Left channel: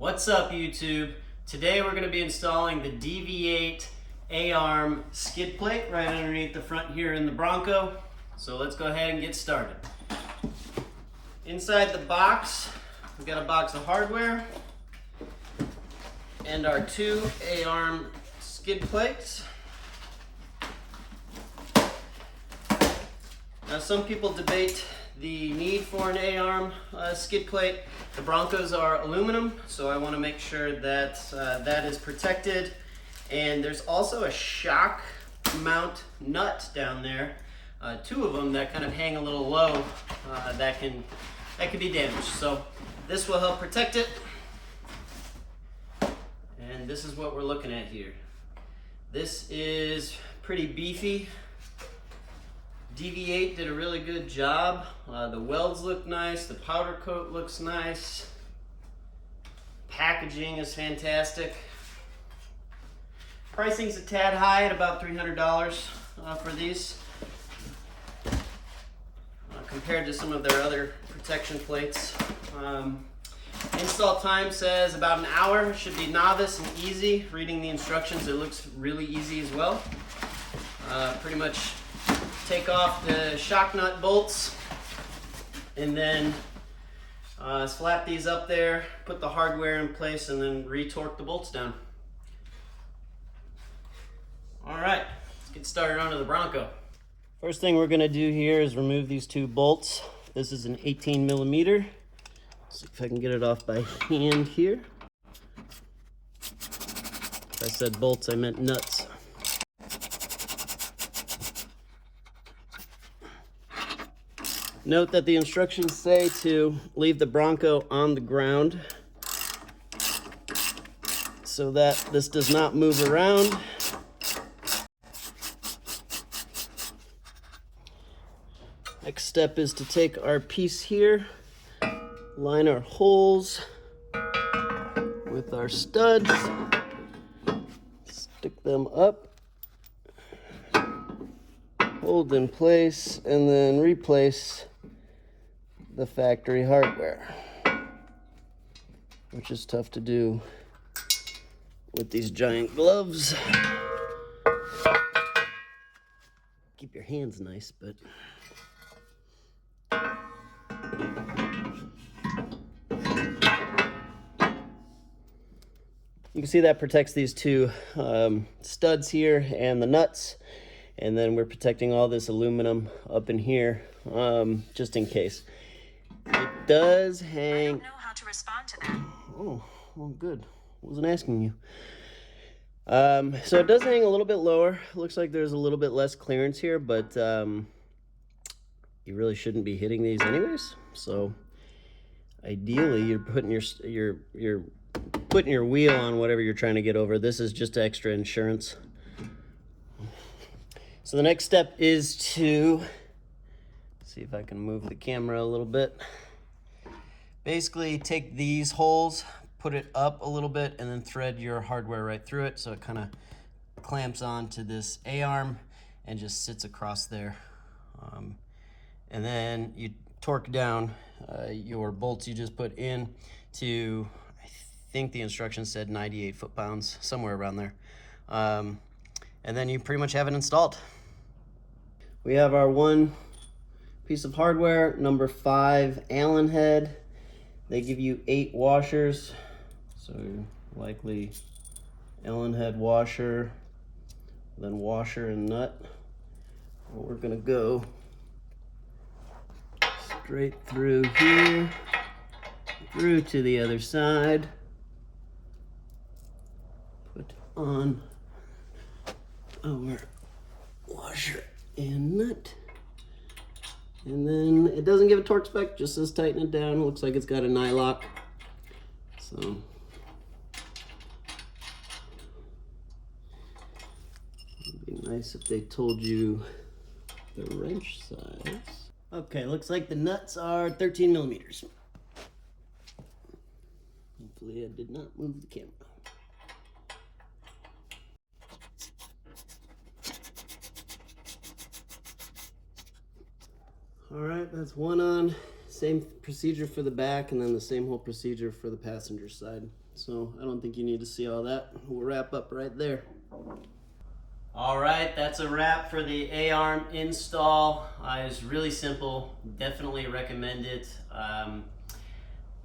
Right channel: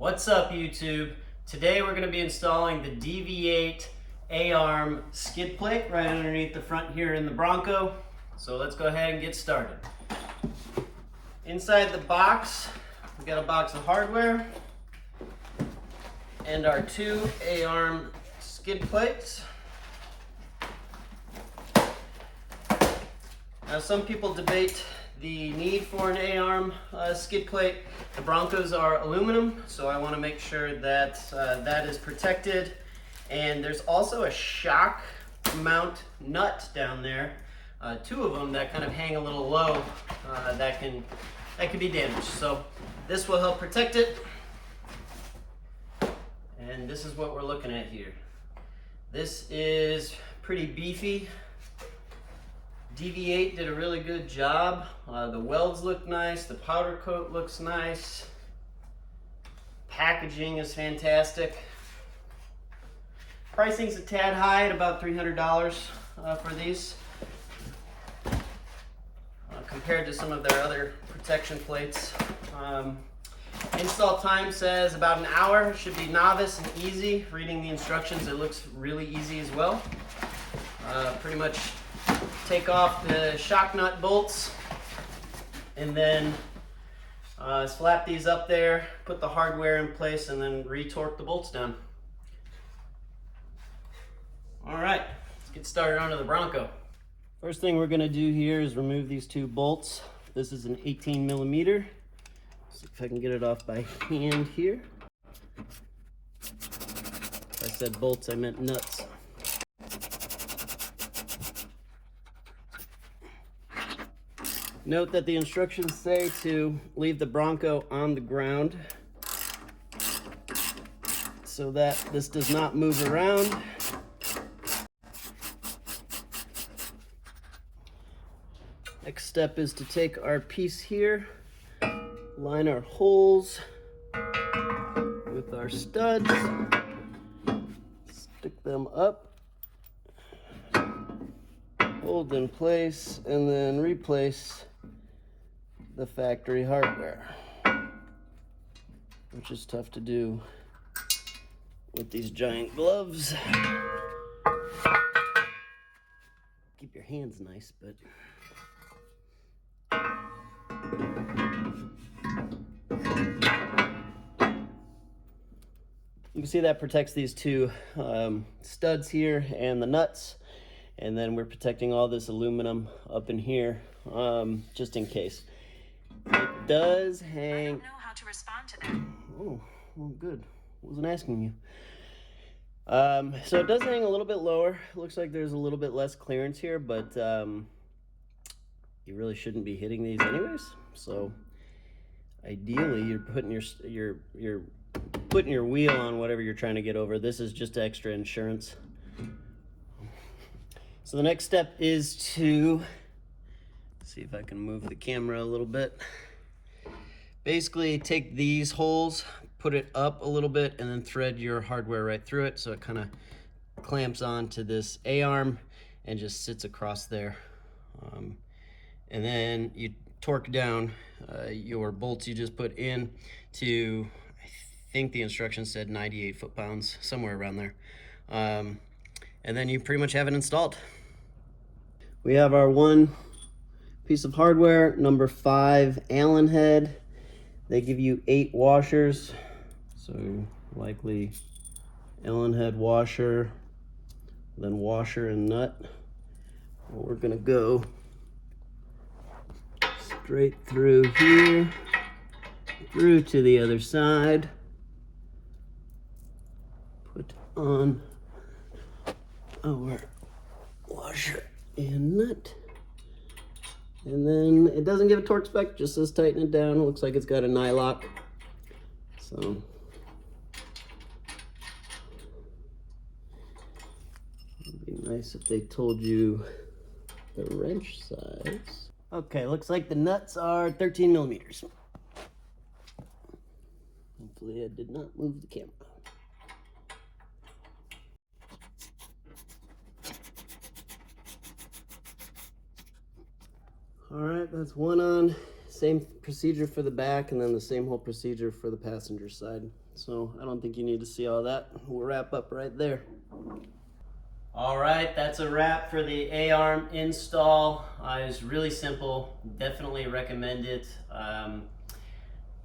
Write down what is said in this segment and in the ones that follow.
What's up, YouTube? Today we're going to be installing the DV8 A-Arm skid plate right underneath the front here in the Bronco. So let's go ahead and get started. Inside the box, we've got a box of hardware and our two A-Arm skid plates. Now, some people debate the need for an A-Arm skid plate. The Broncos are aluminum, so I want to make sure that that is protected. And there's also a shock mount nut down there, two of them that kind of hang a little low, that can be damaged. So this will help protect it. And this is what we're looking at here. This is pretty beefy. DV8 did a really good job. The welds look nice, the powder coat looks nice. Packaging is fantastic. Pricing's a tad high at about $300 for these, compared to some of their other protection plates. Install time says about an hour. Should be novice and easy. Reading the instructions, it looks really easy as well. Pretty much take off the shock nut bolts and then slap these up there, put the hardware in place, and then re-torque the bolts down. All right, let's get started onto the Bronco. First thing we're gonna do here is remove these two bolts. This is an 18 millimeter. See if I can get it off by hand here. If I said bolts, I meant nuts. Note that the instructions say to leave the Bronco on the ground so that this does not move around. Next step is to take our piece here, line our holes with our studs, stick them up, hold in place, and then replace the factory hardware, which is tough to do with these giant gloves. Keep your hands nice, but you can see that protects these two studs here and the nuts, and then we're protecting all this aluminum up in here, just in case. It does hang. I don't know how to respond to that. Oh, well, good. Wasn't asking you. So it does hang a little bit lower. Looks like there's a little bit less clearance here, but you really shouldn't be hitting these anyways. So ideally, you're putting your putting your wheel on whatever you're trying to get over. This is just extra insurance. So the next step is to see if I can move the camera a little bit. Basically, take these holes, put it up a little bit, and then thread your hardware right through it so it kind of clamps onto this A-arm and just sits across there. And then you torque down your bolts you just put in to, I think the instructions said 98 foot-pounds, somewhere around there. And then you pretty much have it installed. We have our one piece of hardware, number 5 Allen head. They give you 8 washers, so likely Allen head washer, then washer and nut. We're gonna go straight through here, through to the other side. Put on our washer and nut. And then it doesn't give a torque spec, just says tighten it down. It looks like it's got a nylock. So it'd be nice if they told you the wrench size. Okay, looks like the nuts are 13 millimeters. Hopefully I did not move the camera. All right, that's one on. same procedure for the back, and then the same whole procedure for the passenger side. So I don't think you need to see all that. We'll wrap up right there. All right, that's a wrap for the A-Arm install. It's really simple. Definitely recommend it.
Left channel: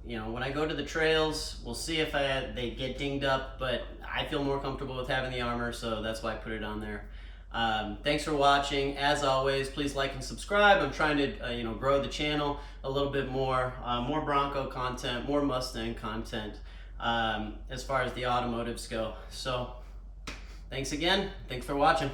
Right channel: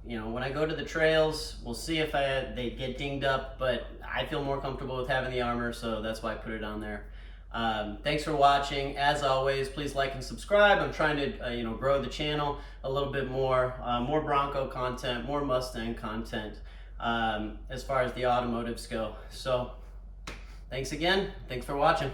You know, when I go to the trails, we'll see if they get dinged up, but I feel more comfortable with having the armor, so that's why I put it on there. Thanks for watching. As always, please like and subscribe. I'm trying to grow the channel a little bit more. More Bronco content, more Mustang content as far as the automotives go. So thanks again. Thanks for watching.